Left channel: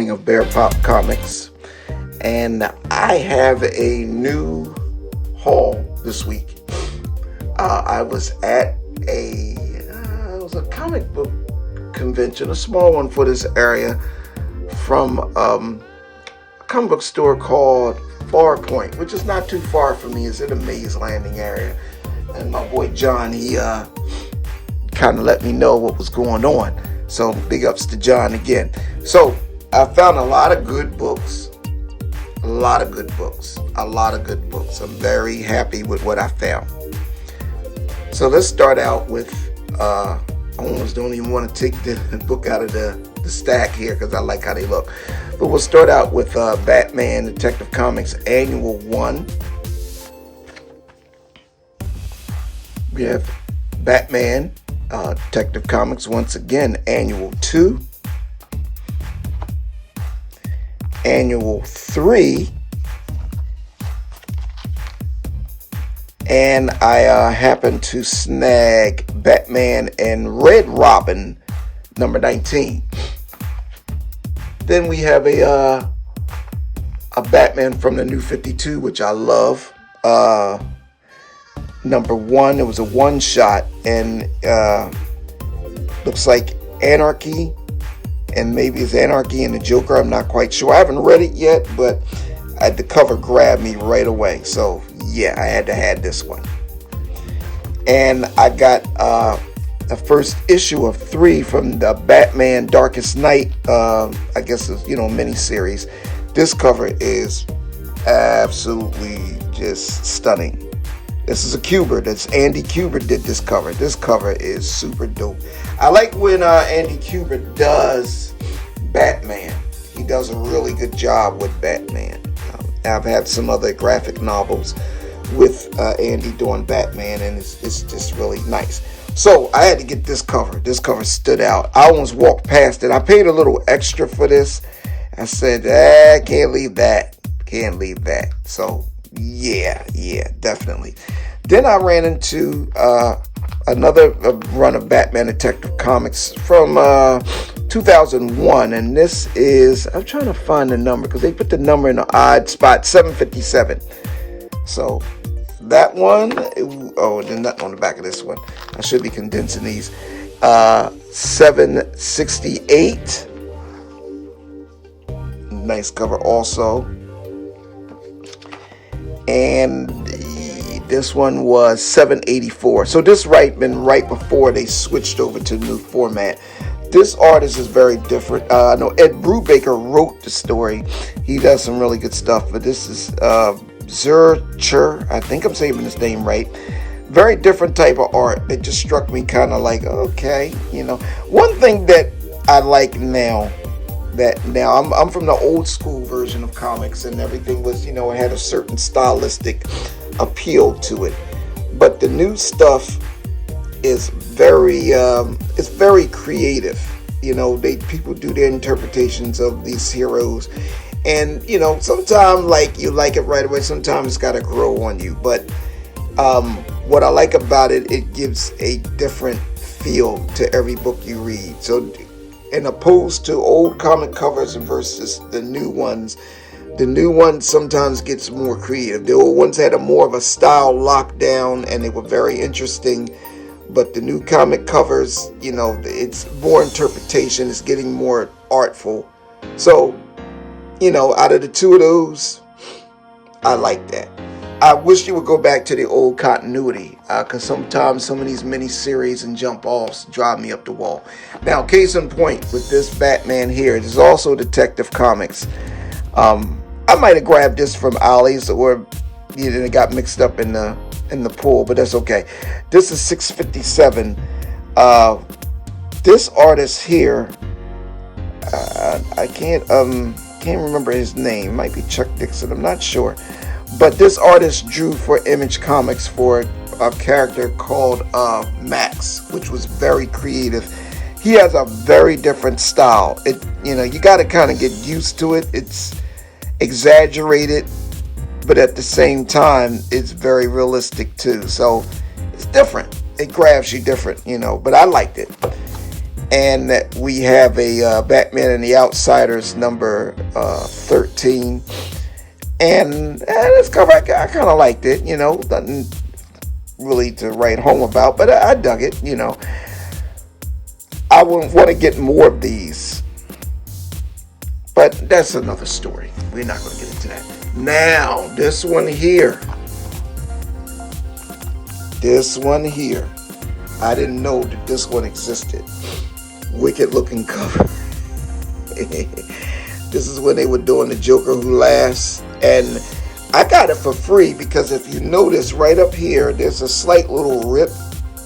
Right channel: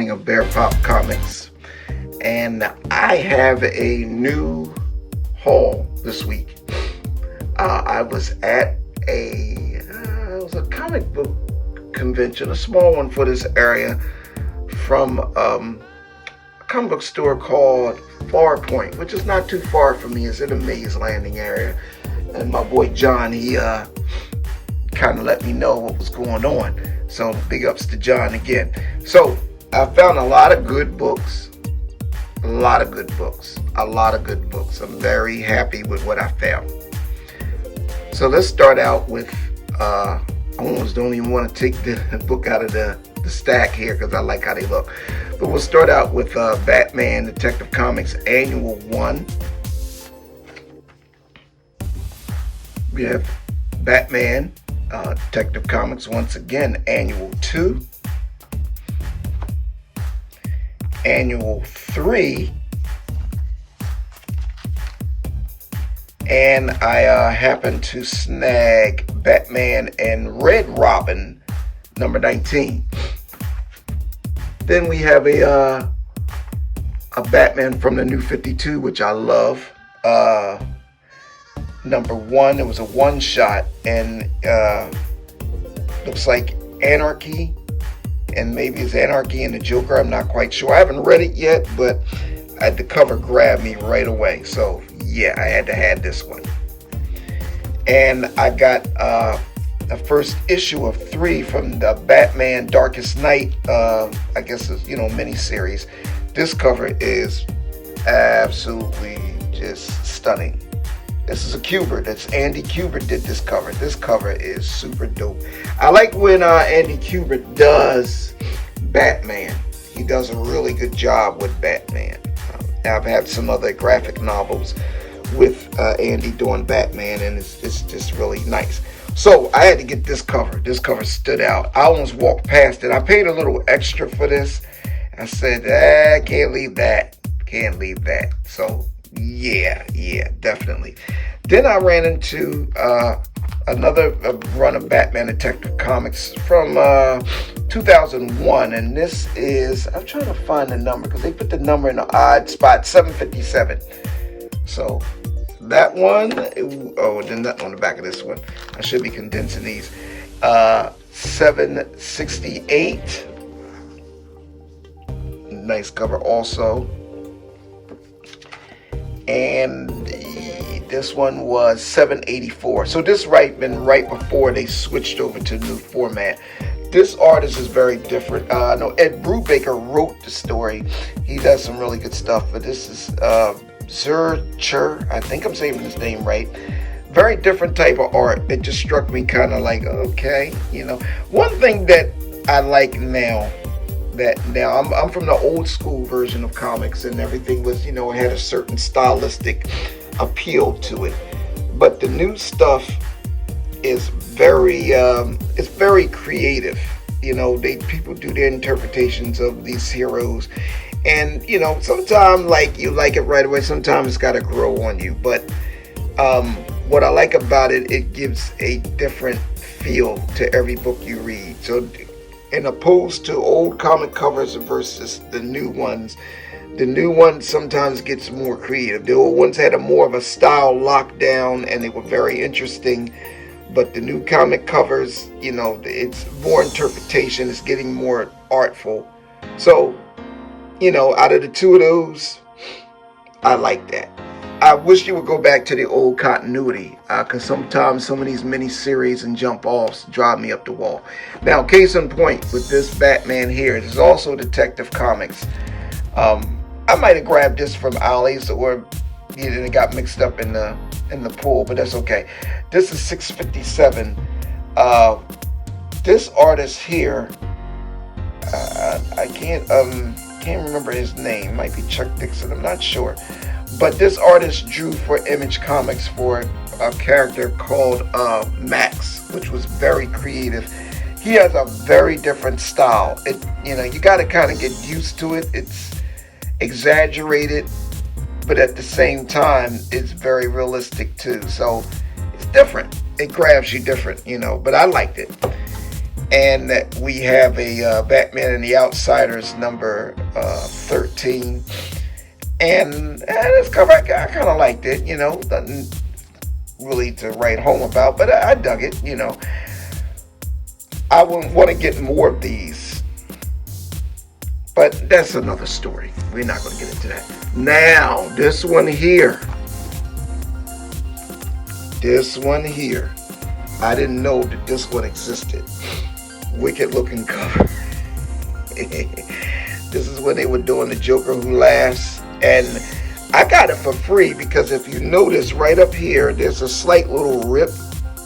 morning of Bear Pop Comics, and I have a new haul this week. I was at it was a comic book convention, a small one for this area, from a comic book store called Farpoint, which is not too far from me. It's in the Maze Landing area, and my boy John, he kind of let me know what was going on. So big ups to John again. So I found a lot of good books. I'm very happy with what I found. So let's start out with, I almost don't even want to take the book out of the stack here because I like how they look. But we'll start out with Batman Detective Comics Annual 1. We have Batman Detective Comics, once again, Annual 2. Annual 3. And I happened to snag Batman and Red Robin, number 19. Then we have a Batman from the New 52, which I love. Number 1, it was a one-shot, and looks like Anarchy, and maybe it's Anarchy and the Joker, I'm not quite sure. I haven't read it yet, but the cover grabbed me right away, so yeah, I had to have this one. And I got the first issue of 3 from the Batman Darkest Night, I guess it's, miniseries. This cover is absolutely just stunning. This is a Kubert. It's Andy Kubert did this cover. This cover is super dope. I like when Andy Kubert does Batman. He does a really good job with Batman. I've had some other graphic novels with Andy doing Batman, and it's just really nice. So I had to get this cover. This cover stood out. I almost walked past it. I paid a little extra for this. I said, can't leave that. Can't leave that. So yeah, definitely. Then I ran into another run of Batman Detective Comics from 2001, and this is, I'm trying to find the number because they put the number in an odd spot, 757. So that one, then nothing on the back of this one. I should be condensing these. 768. Nice cover also. And this one was 784. So this been right before they switched over to the new format. This artist is very different. I know Ed Brubaker wrote the story. He does some really good stuff. But this is Zurcher. I think I'm saying his name right. Very different type of art. It just struck me kind of like, okay, One thing that I like now, I'm from the old school version of comics, and everything was, it had a certain stylistic appeal to it. But the new stuff is very creative. People do their interpretations of these heroes, and sometimes you like it right away. Sometimes it's got to grow on you. But what I like about it, it gives a different feel to every book you read. So, in opposed to old comic covers versus the new ones sometimes gets more creative. The old ones had more of a style lockdown, and they were very interesting. But the new comic covers, it's more interpretation. It's getting more artful. So, out of the two of those, I like that. I wish you would go back to the old continuity, because sometimes some of these mini-series and jump-offs drive me up the wall. Now, case in point, with this Batman here, this is also Detective Comics. I might have grabbed this from Ollie's, or it got mixed up in the pool, but that's okay. This is 657. This artist here, I can't remember his name. It might be Chuck Dixon, I'm not sure. But this artist drew for Image Comics for a character called Max, which was very creative. He has a very different style. You got to kind of get used to it. It's exaggerated, but at the same time, it's very realistic too. So it's different. It grabs you different, but I liked it. and that we have a Batman and the Outsiders number 13. And this cover, I kind of liked it, you know, nothing really to write home about, but I dug it, you know. I would want to get more of these, but that's another story. We're not going to get into that. Now, this one here, I didn't know that this one existed. Wicked looking cover. This is when they were doing the Joker Who Laughs, and I got it for free because if you notice right up here, there's a slight little rip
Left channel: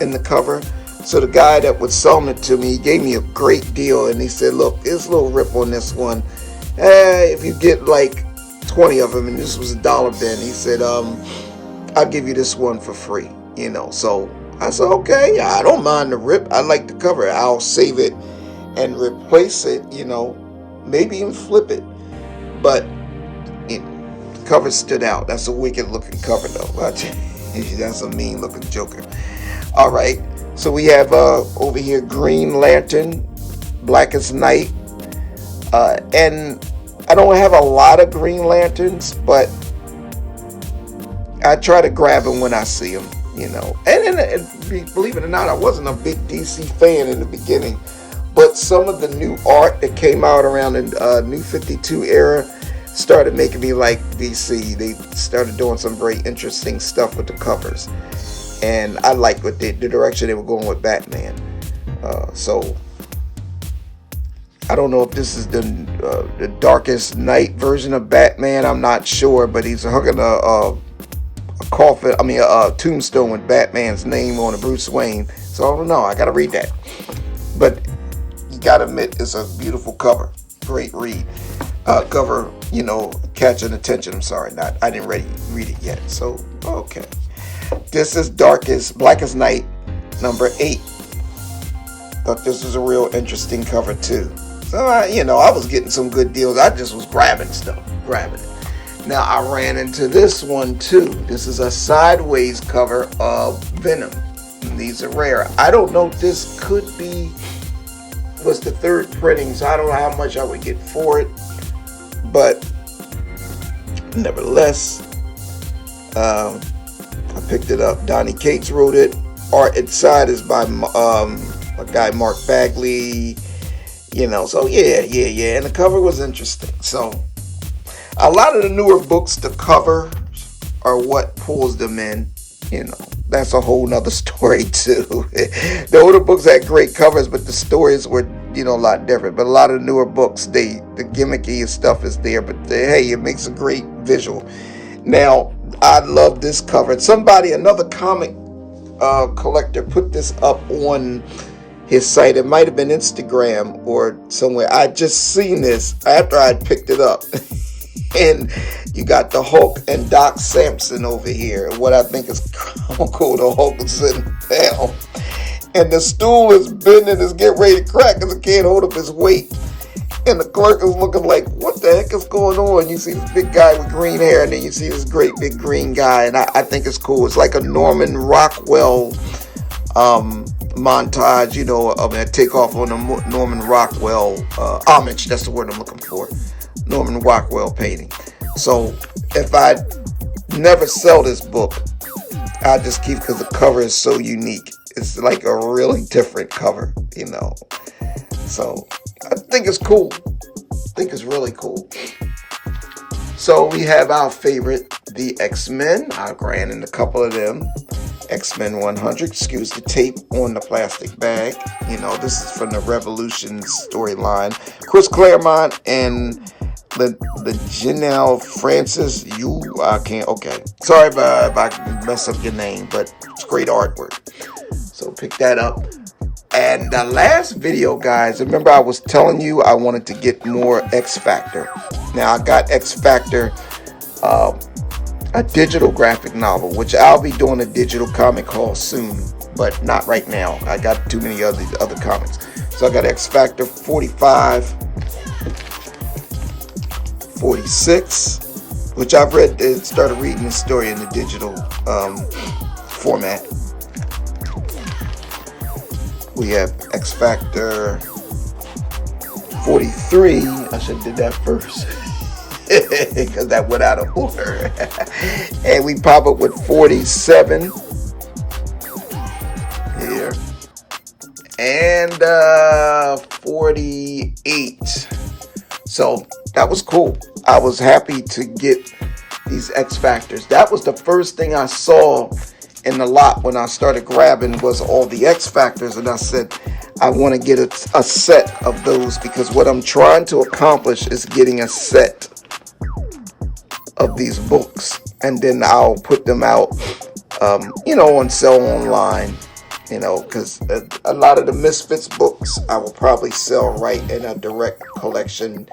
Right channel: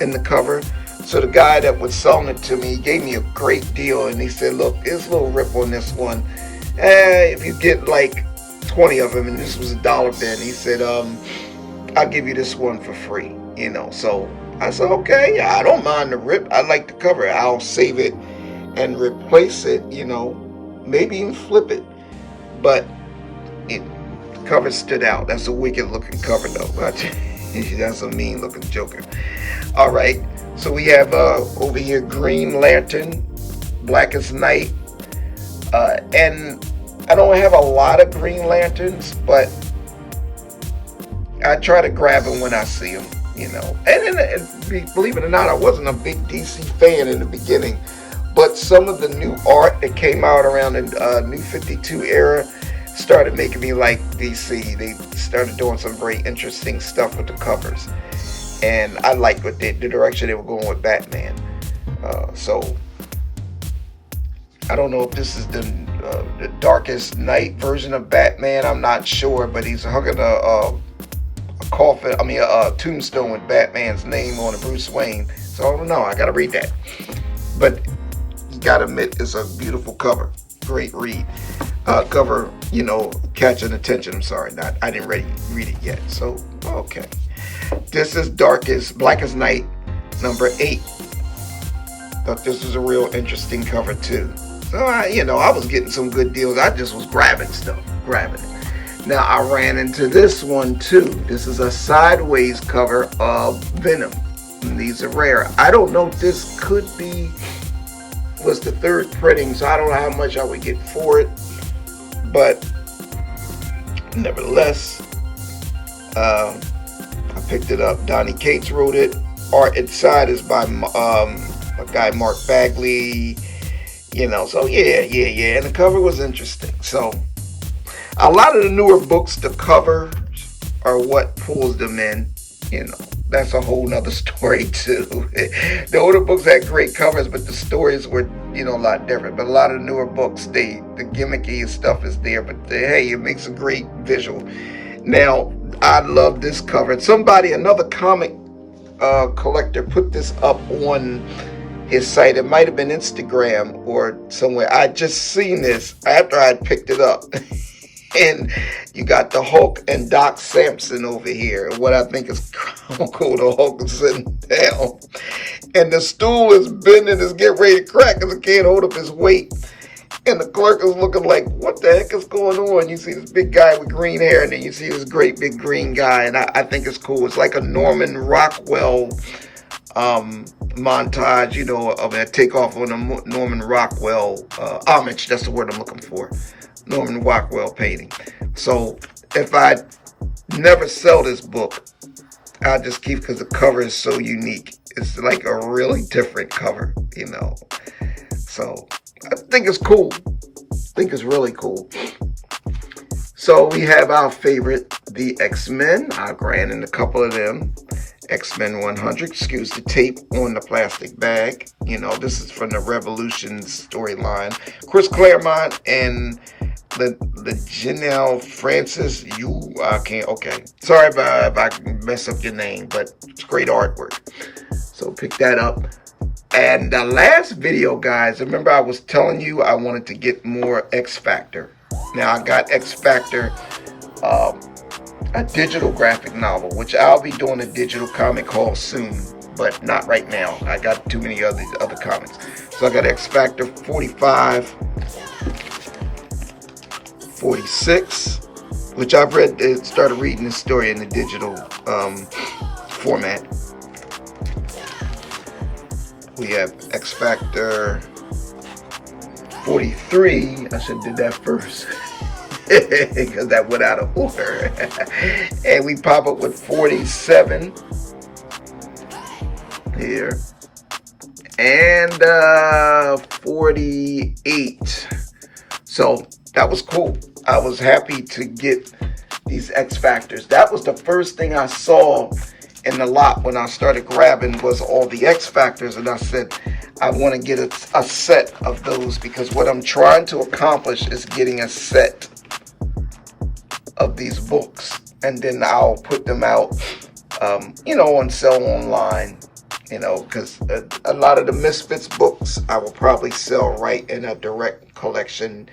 in the cover. So the guy that was selling it to me gave me a great deal, and he said, look, there's a little rip on this one. If you get like 20 of them, and this was $1 bin, he said, I'll give you this one for free, you know. So I said, okay, I don't mind the rip. I like the cover. I'll save it and replace it, you know, maybe even flip it. But the cover stood out. That's a wicked looking cover though. That's a mean looking Joker. All right, so we have over here Green Lantern, Blackest Night, and I don't have a lot of Green Lanterns, but I try to grab them when I see them, you know. And believe it or not, I wasn't a big DC fan in the beginning, but some of the new art that came out around the New 52 era started making me like DC. They started doing some very interesting stuff with the covers, and I liked what the direction they were going with Batman. So I don't know if this is the Darkest Night version of Batman. I'm not sure, but he's hooking a coffin, a tombstone with Batman's name on it, Bruce Wayne. So I don't know. I gotta read that, but you gotta admit it's a beautiful cover. Great read. Cover, you know, catching attention. I'm sorry, I didn't read it yet. So okay, this is Blackest Night, number 8. Thought this is a real interesting cover too. So you know, I was getting some good deals. I just was grabbing it. Now I ran into this one too. This is a sideways cover of Venom. And these are rare. I don't know if this was the 3rd printing, so I don't know how much I would get for it. But nevertheless, I picked it up. Donnie Cates wrote it. Art inside is by a guy, Mark Bagley. You know, so yeah. And the cover was interesting. So a lot of the newer books, the covers are what pulls them in. You know, that's a whole nother story too. The older books had great covers, but the stories were, you know, a lot different. But a lot of newer books, the gimmicky stuff is there, but hey, it makes a great visual. Now, I love this cover. Another comic collector put this up on his site. It might have been Instagram or somewhere. I just seen this after I picked it up. And you got the Hulk and Doc Samson over here. What I think is cool, the Hulk is sitting down. And the stool is bending, is getting ready to crack because it can't hold up his weight. And the clerk is looking like, what the heck is going on? You see this big guy with green hair, and then you see this great big green guy. And I think it's cool. It's like a Norman Rockwell montage, you know, a takeoff on a Norman Rockwell homage. That's the word I'm looking for. Norman Rockwell painting. So if I never sell this book, I'll just keep, because the cover is so unique. It's like a really different cover, you know. So I think it's cool. I think it's really cool. So we have our favorite, the X-Men. I ran in a couple of them. X-Men 100, excuse the tape on the plastic bag. You know, this is from the Revolution storyline. Chris Claremont and the Janelle Francis. Okay. Sorry if I mess up your name, but it's great artwork. So pick that up. And the last video, guys, remember I was telling you I wanted to get more X Factor. Now I got X Factor, a digital graphic novel, which I'll be doing a digital comic haul soon, but not right now. I got too many other comics. So I got X Factor 45, 46, which I've read, started reading this story in the digital format, We have X Factor 43. I should have did that first because that went out of order. And we pop up with 47 here. And 48. So that was cool. I was happy to get these X Factors. That was the first thing I saw in the lot when I started grabbing was all the X Factors, and I said I want to get a set of those because what I'm trying to accomplish is getting a set of these books, and then I'll put them out, on sale online, because a lot of the Misfits books I will probably sell right in a direct collection,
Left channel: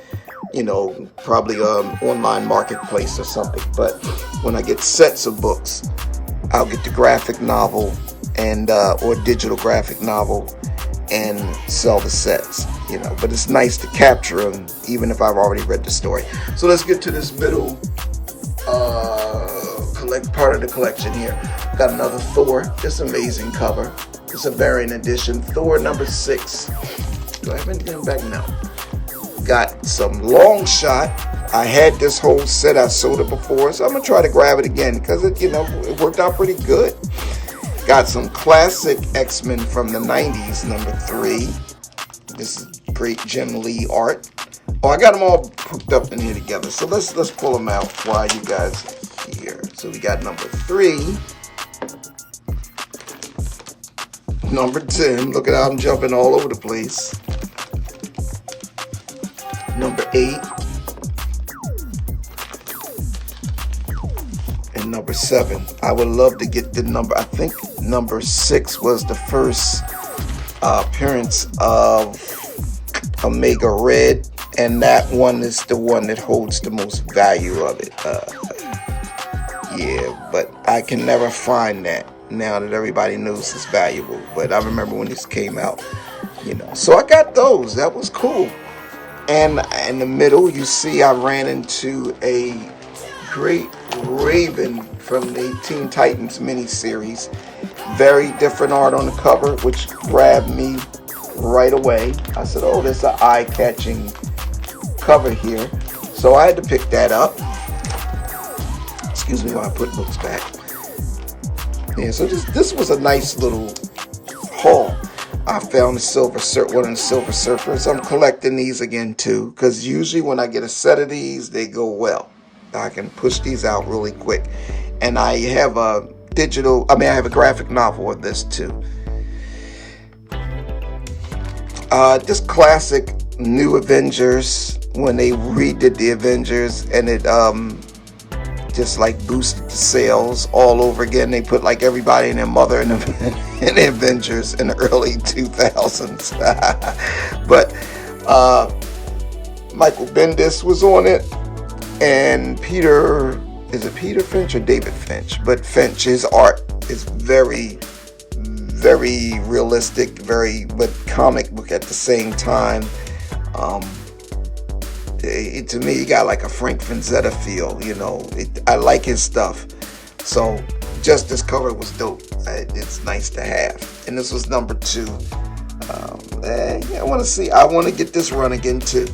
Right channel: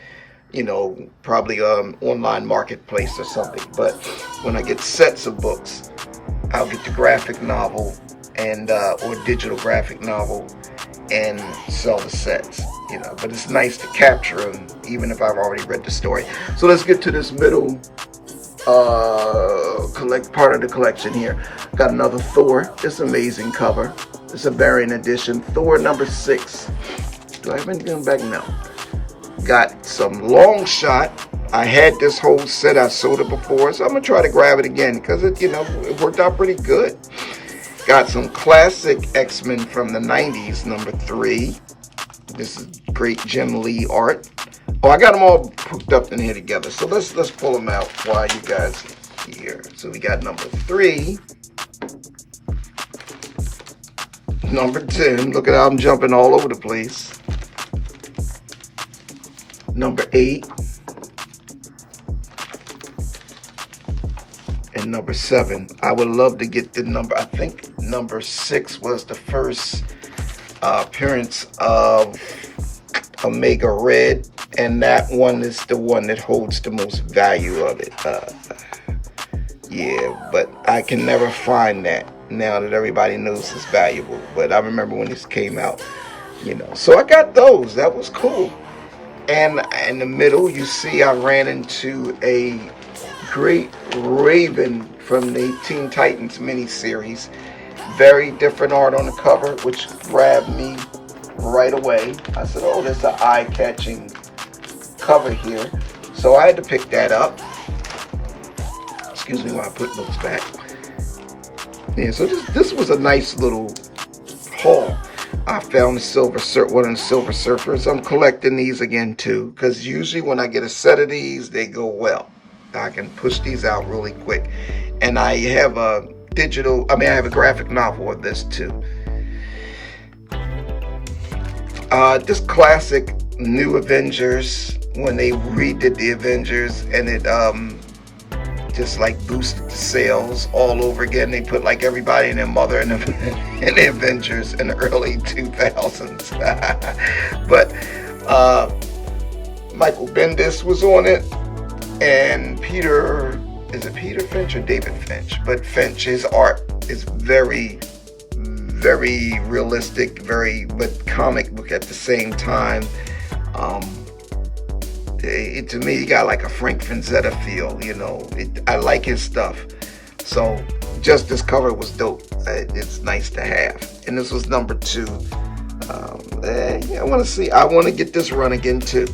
probably online marketplace or something. But when I get sets of books, I'll get the graphic novel and or digital graphic novel and sell the sets, but it's nice to capture them even if I've already read the story. So let's get to this middle part of the collection here. Got another Thor. This amazing cover. It's a variant edition. Thor number 6. Do I have anything back now? Got some Long Shot. I had this whole set. I sold it before, so I'm gonna try to grab it again because it worked out pretty good. Got some classic X-Men from the 90s, number 3. This is great Jim Lee art. Oh, I got them all hooked up in here together. So let's pull them out while you guys here. So we got number 3. Number 10. Look at how I'm jumping all over the place. Number 8. And number 7. I would love to get the number, I think number 6 was the first appearance of Omega Red, and that one is the one that holds the most value of it. But I can never find that now that everybody knows it's valuable. But I remember when this came out, So I got those. That was cool. And in the middle, you see I ran into a great Raven from the Teen Titans miniseries. Very different art on the cover, which grabbed me right away. I said, oh, that's an eye-catching cover here. So I had to pick that up. Excuse me while I put books back. Yeah, so this was a nice little haul. I found one of the Silver Surfers. I'm collecting these again too, because usually when I get a set of these, they go well. I can push these out really quick. And I have a I have a graphic novel of this too. This classic New Avengers, when they redid the Avengers, and it just like boosted the sales all over again. They put like everybody and their mother in the Avengers in the early 2000s. But Michael Bendis was on it, and is it Peter Finch or David Finch? But Finch, his art is very, very realistic, but comic book at the same time. To me, he got like a Frank Frazetta feel, I like his stuff. So just this cover was dope. It's nice to have. And this was number 2. I want to get this run again too.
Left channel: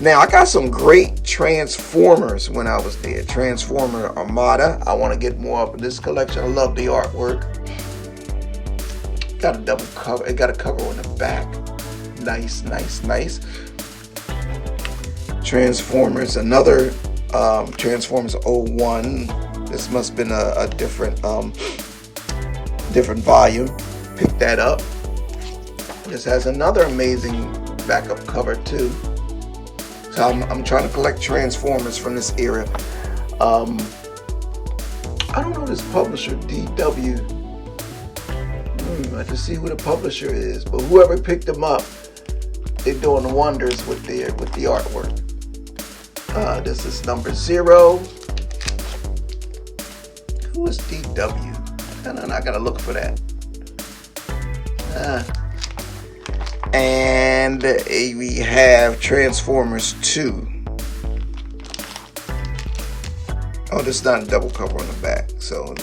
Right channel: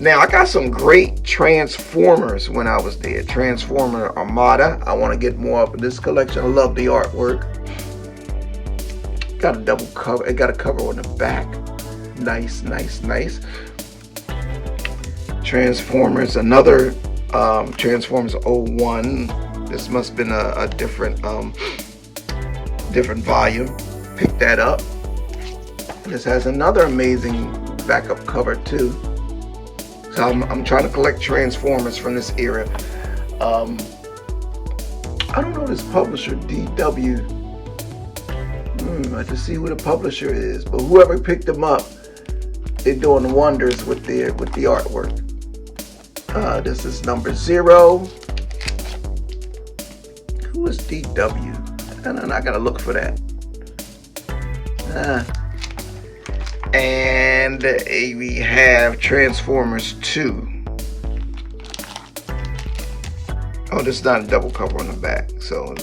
Now, I got some great Transformers when I was there. Transformer Armada. I want to get more of this collection. I love the artwork. Got a double cover. It got a cover on the back. Nice. Transformers. Another Transformers 01. This must have been a different volume. Pick that up. This has another amazing backup cover too. So I'm trying to collect Transformers from this era. I don't know this publisher, DW. I have to see who the publisher is. But whoever picked them up, they're doing wonders with the artwork. This is number 0. Who is DW? I gotta look for that. And we have Transformers 2. Oh, this is not a double cover on the back. So,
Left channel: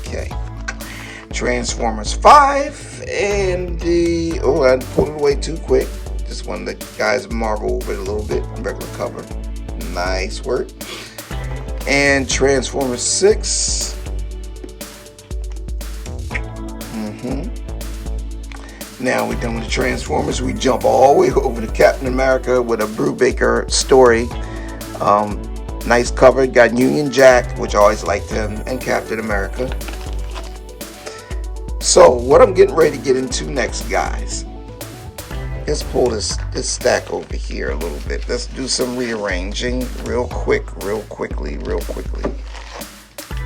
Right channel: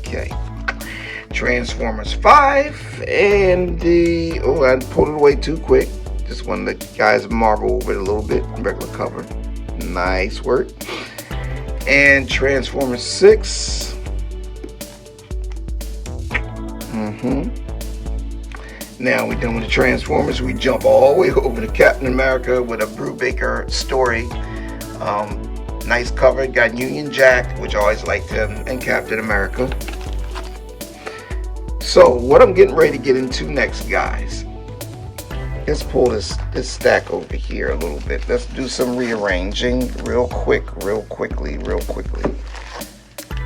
okay. Transformers 5, and the, oh, I pulled it away too quick. Just one of the guys marvel over it a little bit. Regular cover. Nice work. And Transformers 6. Now we're done with the Transformers. We jump all the way over to Captain America with a Brubaker story. Nice cover. Got Union Jack, which I always liked him, and Captain America. So what I'm getting ready to get into next, guys. Let's pull this stack over here a little bit. Let's do some rearranging real quickly.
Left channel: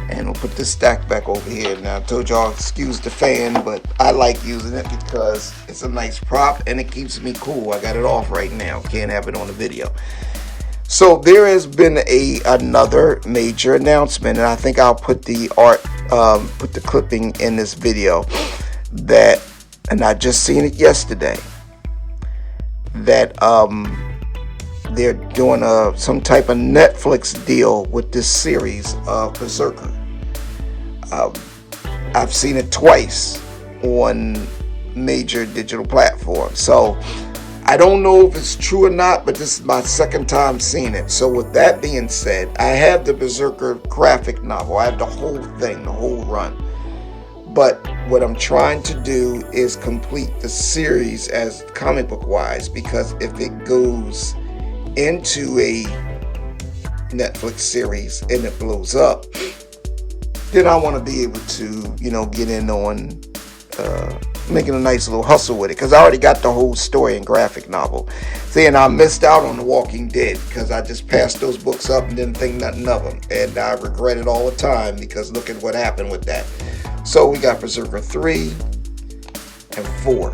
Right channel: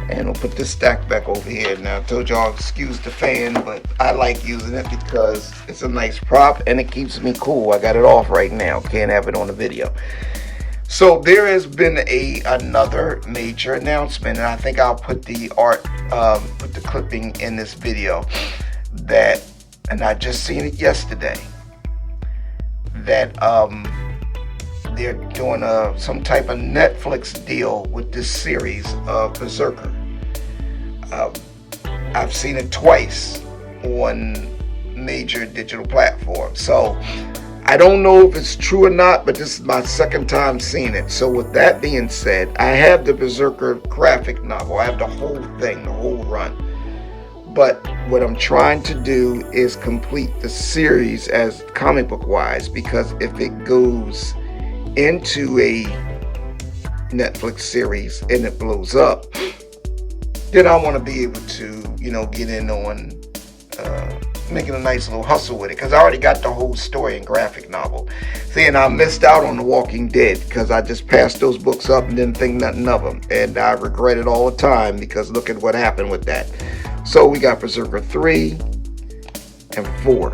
And we'll put this stack back over here. Now, I told y'all, excuse the fan, but I like using it because it's a nice prop and it keeps me cool. I got it off right now. Can't have it on the video. So there has been another major announcement, and I think I'll put the put the clipping in this video. And I just seen it yesterday. That they're doing some type of Netflix deal with this series of Berserker. I've seen it twice on major digital platforms, so I don't know if it's true or not, but this is my second time seeing it. So with that being said, I have the Berserker graphic novel. I have the whole thing, the whole run. But what I'm trying to do is complete the series as comic book wise, because if it goes into a Netflix series and it blows up, then I want to be able to, you know, get in on making a nice little hustle with it, because I already got the whole story and graphic novel. See, and I missed out on The Walking Dead because I just passed those books up and didn't think nothing of them, and I regret it all the time because look at what happened with that. So we got Berserker 3 and 4.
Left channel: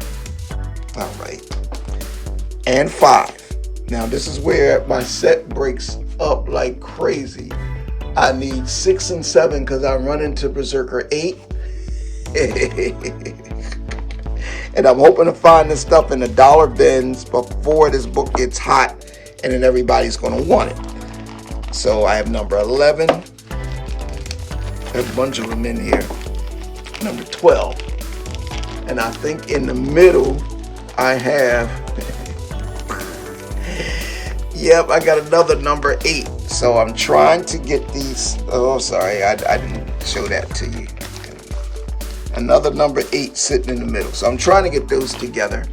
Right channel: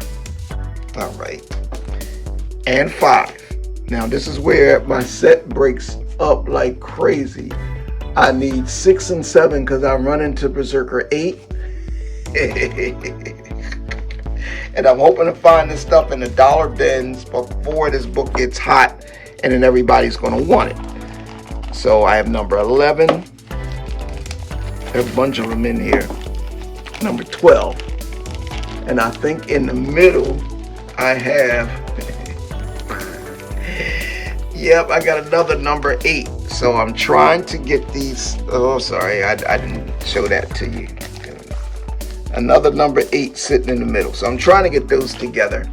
All right. And 5. Now this is where my set breaks up like crazy. I need 6 and 7 because I'm running to Berserker 8. And I'm hoping to find this stuff in the dollar bins before this book gets hot, and then everybody's going to want it. So I have number 11. There's a bunch of them in here. Number 12. And I think in the middle I have yep, I got another number 8. So I'm trying to get these. Oh, sorry, I didn't show that to you. Another number 8 sitting in the middle. So I'm trying to get those together,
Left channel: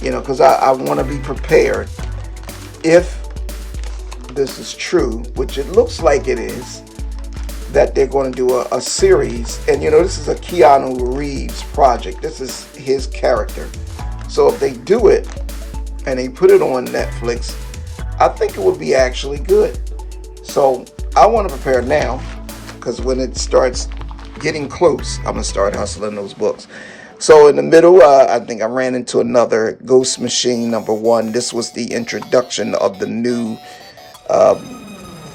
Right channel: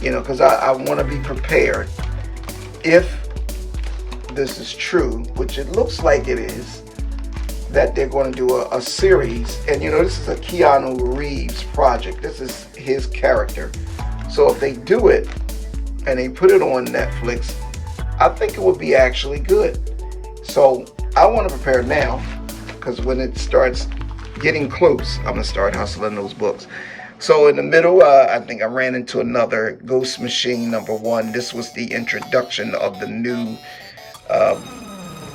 you know, because I want to be prepared if this is true, which it looks like it is, that they're going to do a series. And, you know, this is a Keanu Reeves project. This is his character. So if they do it and they put it on Netflix, I think it would be actually good. So I want to prepare now, because when it starts getting close, I'm going to start hustling those books. So in the middle, I think I ran into another Ghost Machine number 1. This was the introduction of the new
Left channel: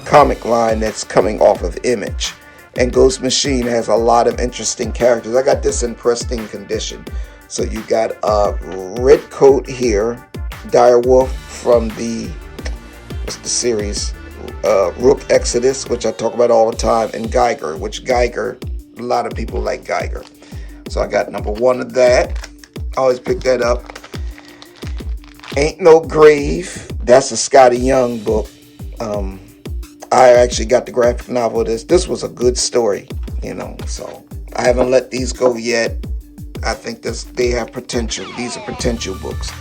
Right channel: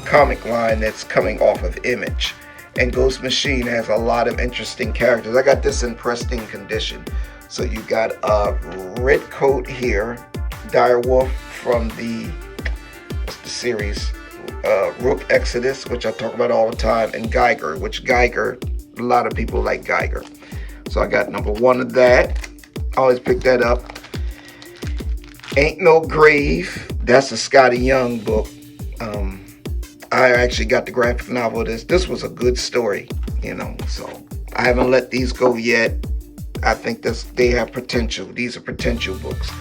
comic line that's coming off of Image. And Ghost Machine has a lot of interesting characters. I got this in pristine condition. So you got Red Coat here, Direwolf from the series Rook Exodus, which I talk about all the time, and Geiger, which Geiger, a lot of people like Geiger. So I got number 1 of that. I always pick that up. Ain't No Grave. That's a Scotty Young book. I actually got the graphic novel of this. This was a good story, you know. So I haven't let these go yet. I think they have potential. These are potential books.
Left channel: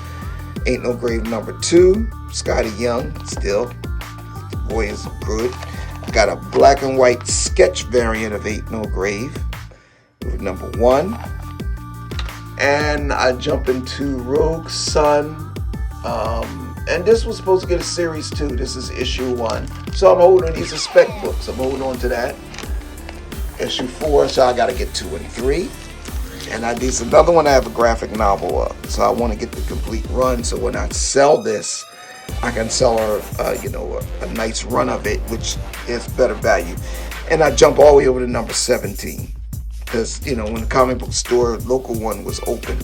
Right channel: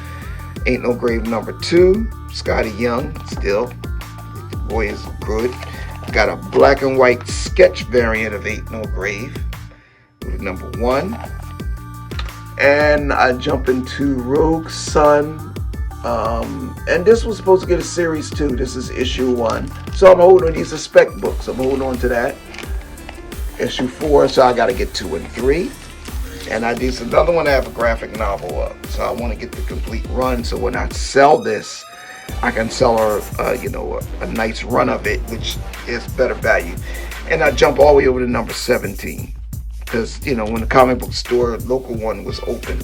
Ain't No Grave number 2. Scotty Young still. The boy is good. Got a black and white sketch variant of Ain't No Grave with number 1. And I jump into Rogue Sun. And this was supposed to get a series 2. This is issue 1. So I'm holding, these are spec books. I'm holding on to that. Issue 4, so I got to get 2 and 3. And this another one I have a graphic novel of. So I want to get the complete run. So when I sell this, I can sell her, you know, a nice run of it, which is better value. And I jump all the way over to number 17. Because, you know, when the comic book store, local one, was open,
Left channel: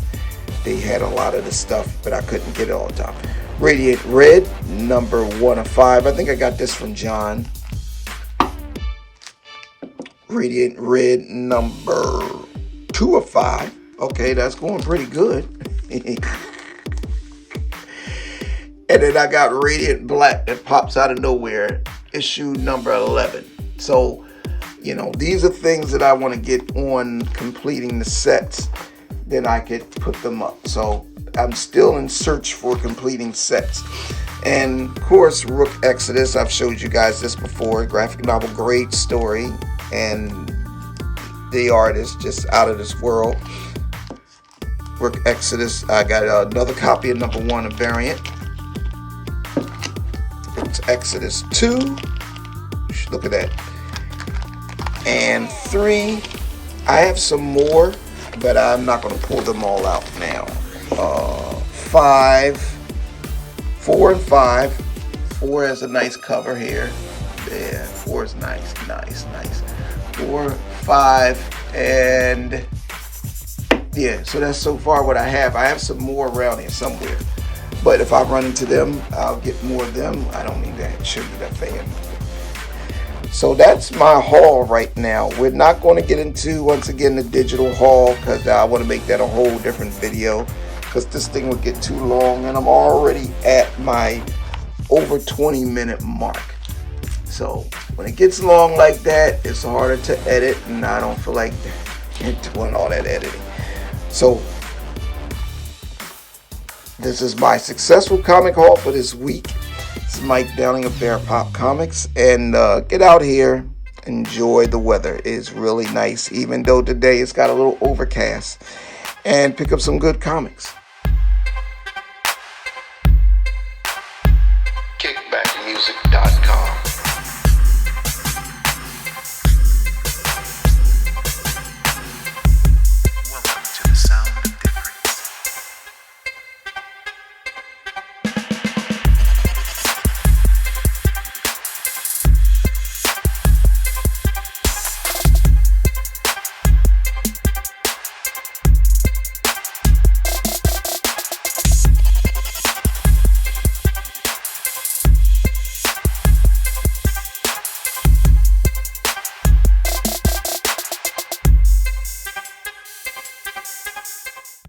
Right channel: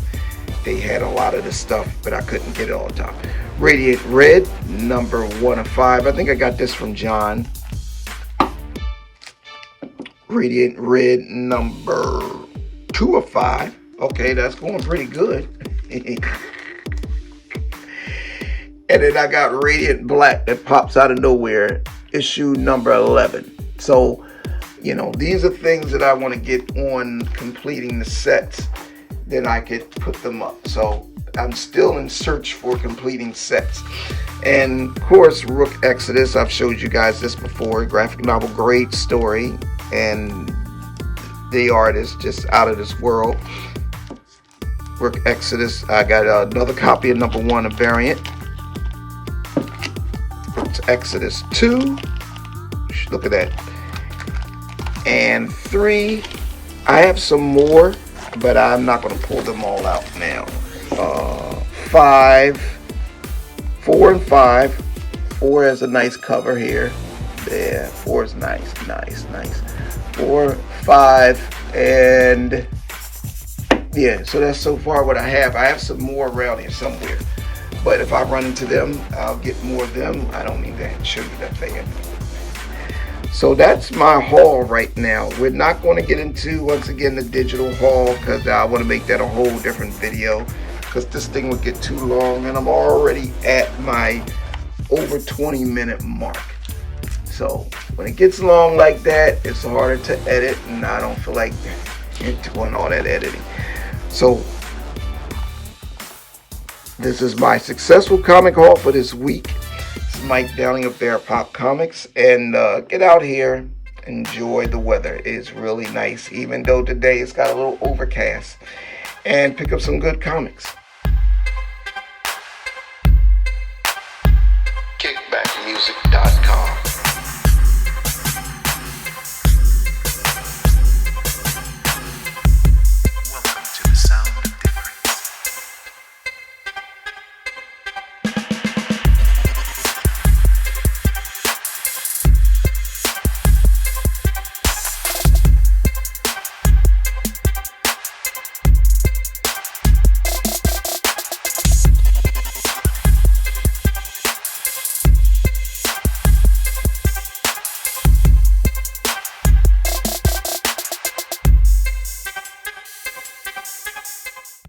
they had a lot of the stuff, but I couldn't get it all the time. Radiant Red, number 1 of 5. I think I got this from John. Radiant Red, number 2 of 5. Okay, that's going pretty good. And then I got Radiant Black that pops out of nowhere, issue number 11. So, you know, these are things that I want to get on completing the sets. Then I could put them up. So I'm still in search for completing sets. And of course, Rook Exodus, I've showed you guys this before. Graphic novel, great story. And the art is just out of this world. Rook Exodus, I got another copy of number 1, a variant. It's Exodus 2. Look at that. And 3, I have some more, but I'm not going to pull them all out now. 5, 4 and 5. 4 has a nice cover here. Yeah, 4 is nice. 4, 5, and yeah, so that's so far what I have. I have some more around here somewhere. But if I run into them, I'll get more of them. I don't need to show you that thing. So that's my haul right now. We're not going to get into, once again, the digital haul, because I want to make that a whole different video, because this thing would get too long, and I'm already at my over 20-minute mark. So when it gets long like that, it's harder to edit, and I don't feel like doing all that editing. So this is my successful comic haul for this week. It's Mike Downing of Bear Pop Comics, and get out here, enjoy the weather. It's really nice, even though today it's got a little overcast, and pick up some good comics.